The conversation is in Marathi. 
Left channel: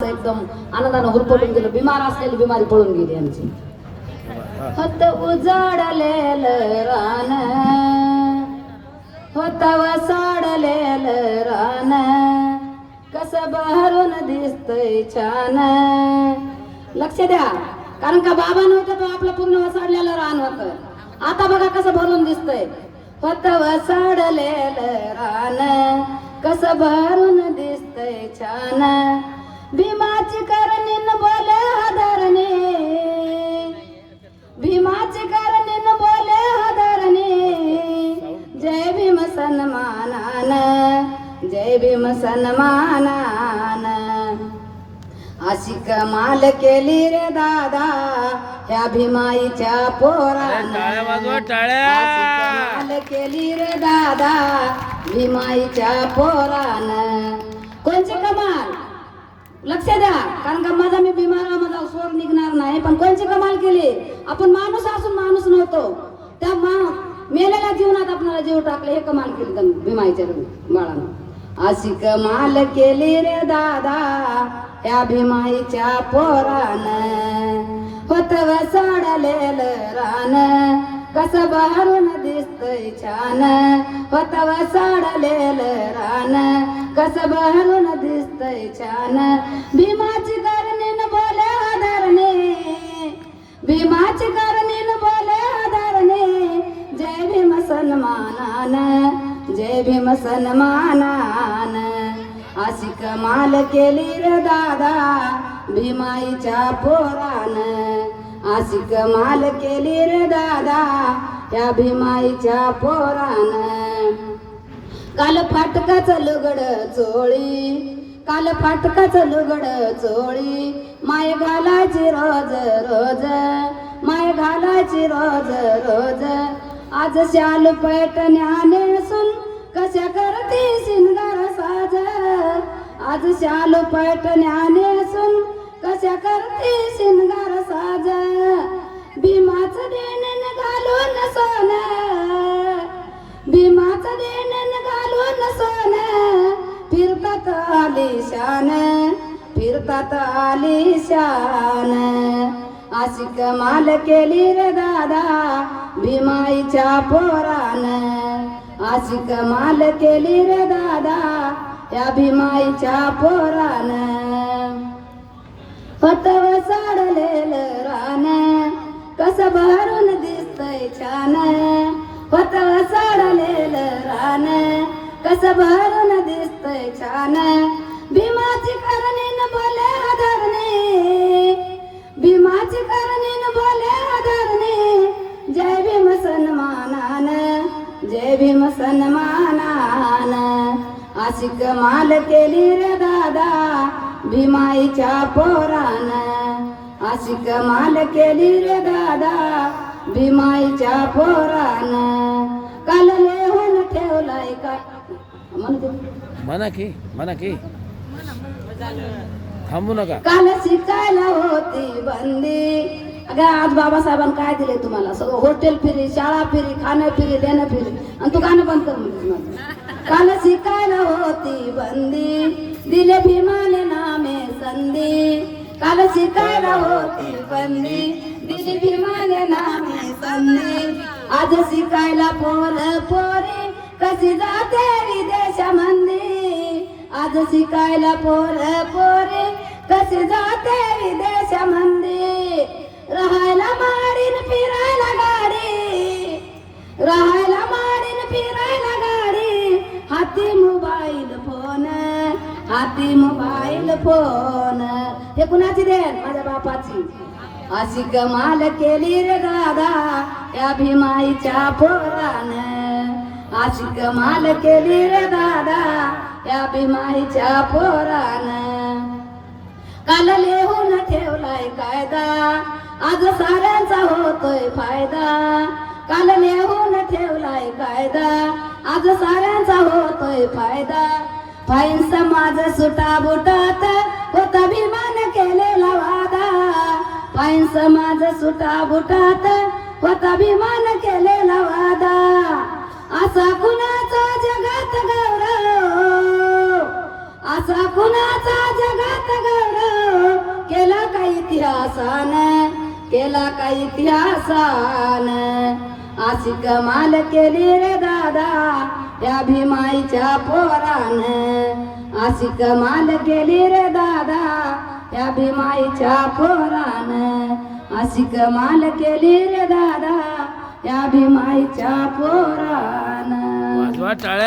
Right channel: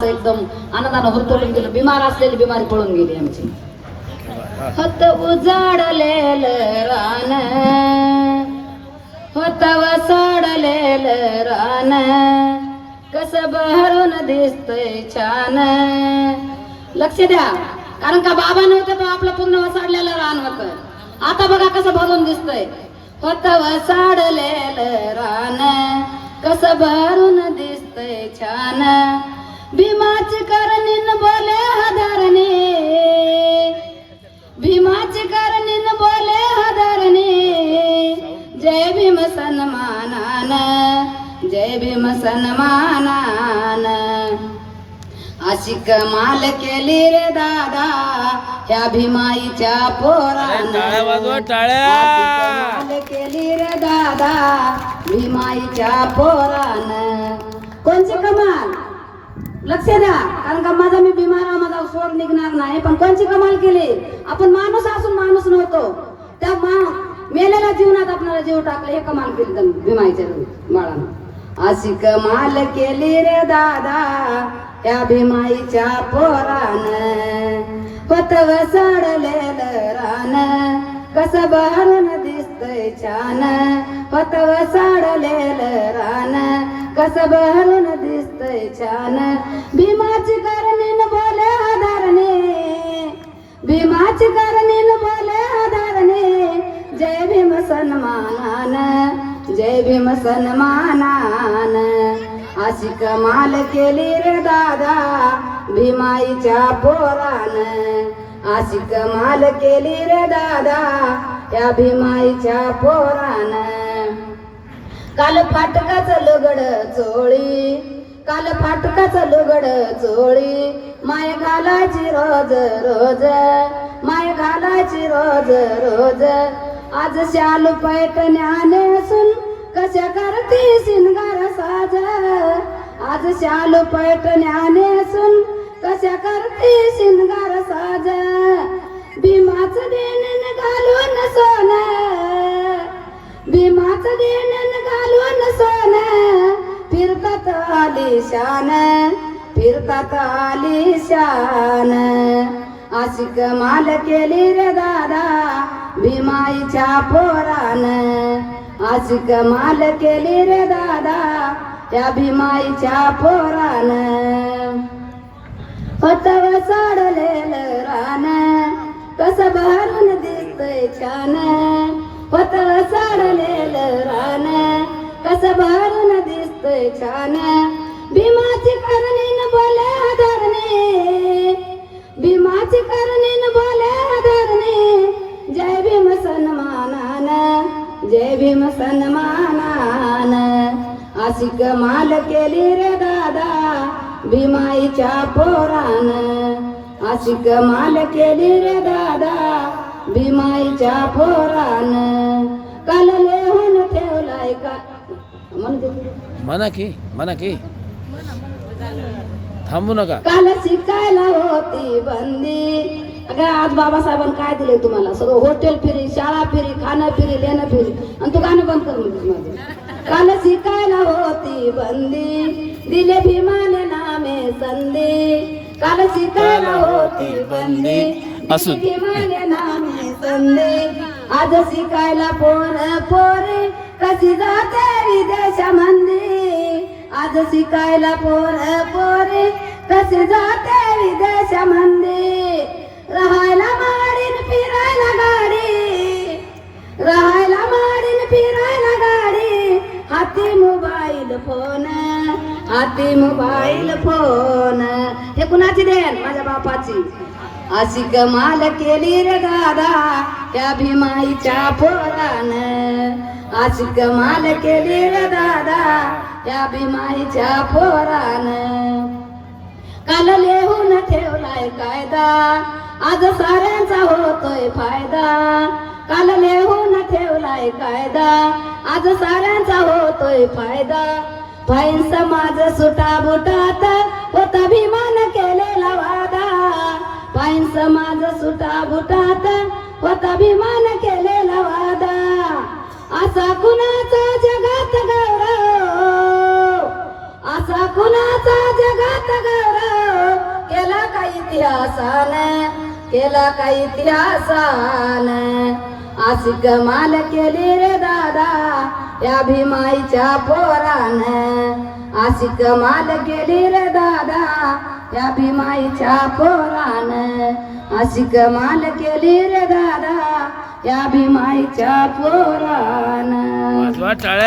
एकदम आनंदानं हुरतडून गेलं. बिमार असलेली बिमारी पळून गेली आमची. होत उजाडलेलं रान, होत वसाडलेलं रान, कसं बहरून दिसतंय छान. लक्ष द्या, कारण का बाबा नव्हतं तो आपलं पूर्ण वसाडलेलं रान होतं. आता बघा कसं भरून दिसतंय. होत वसाडलेलं रान, कसं भरून दिसतंय छान. भीमाची करणीन बोले हदारणे, भीमाची करणीन बोले हदारणे. जय भीम सन्मानान, जय भीम सन्मानान. अशी कमाल केली रे दादा ह्या भीमाईच्या पोरानं. टाळ्या वाजवा, टाळ्या. कमाल केली रे दादा भीमाईच्या पोरानं. कोणची कमाल? लक्ष द्या, कारण का माझा मी बिमार, माझा स्वर निघणार नाही. पण कोणची कमाल केली? आपण माणूस असून माणूस नव्हतो. त्या मेलेल्या जीवनात आपल्याला जीव टाकला, हे कमाल केली भीमाईच्या बाळानं. अशी कमाल केली रे दादा या भीमाईच्या पोरानं. होत वसाडलेलं रान, कसं बहरून दिसतंय छान. होत वसाडलेलं रान, कसं बहरून दिसतंय छान. भीमाची करणीन बोले हदारणे, भीमाची करणीन बोले हदारणे. जय भीम सन्मानान, जय भीम सन्मानान. अशी कमाल केली रे दादा भीमाईच्या पोरानं. अशी कमाल केली रे दादा या भीमाईच्या पोरानं. काल फाटकाचं लुगड चोळी, काल फाटकाचं लुगड चोळी. माय घालायची रोज रोज, माय घालायची रोज रोज. आज शाल पैठण्याने सुन कशा करती शिनगार साज. आज शाल पैठण्याने सुन कशा करती शिनगार साज. भीमाचं देणं घालून सोनं, भीमाचं देणं घालून सोनं. फिरतात आलिशान, फिरतात आलिशान. अशी कमाल केली रे दादा भीमाईच्या पोरानं. अशी कमाल केली रे दादा या भीमाईच्या पोरानं. होत वसाडलेलं रान, कसं भरून दिसतंय छान. होत वसाडलेलं रान, कसं भरून दिसतंय छान. भीमाची करणीन बोले हदारणे, भीमाची करणीन बोले हदारणे. जय भीम सन्मानान, जय भीम सन्मानान. अशी कमाल केली रे दादा भीमाईच्या पोरानं. अशी कमाल केली रे दादा भीमाईच्या पोरानं. काल लिहून ठेवलाय का म्हणा की थांबू नका. काल शिकायला होती बंदी. अगं आज बाबासाहेबांनी काय दिले तुम्हाला? सगळं हॉटेल फिरी, शाळा फिरी, खाणं फिरी, देणं फिरी. आणि तू गाणं बंद कर म्हणते. काल शिकायला होती बंदी, दिले भीमाने नामे संधी. काल शिकायला होती बंदी, दिले भीमाने नामे संधी. आज शिकायला पोर पोरे कशी जाते विदेशामध्ये. आज शिकायला पोर पोरे कशी जाते विदेशामध्ये. राहायला माडीन फिरायला गाडी, राहायला माडीन फिरायला गाडी. हाती मोबाईल फोन, हाती मोबाईल फोन. हे कुणाची देण? माझ्या बापाची. अशी कमाल केली रे दादा त्या भीमाईच्या पोरानं. अशी कमाल केली रे दादा या भीमाईच्या पोरानं. काल लिहून ठेवलाय कायदा, आज साऱ्यांचा होतोय फायदा. काल लिहून ठेवलाय कायदा, आज साऱ्यांचा होतोय फायदा. फाईन समाज सुटा बुटात होता भीमान केलेला वादा. फाईन समाज सुटा बुटात होता भीमान केलेला वादा. असा कुणाचा जगात गौरव, असा कुणाचा जगात गौरव. उल्हासान केला काही इतिहासान अशी कमाल केली रे दादा या भीमाईच्या पोरान अशी कमाल केली रे दादा या भीमाईच्या पोरान अशी कमाल केली रे दादा या भीमाईच्या पोरान वाजवा टाळ्या.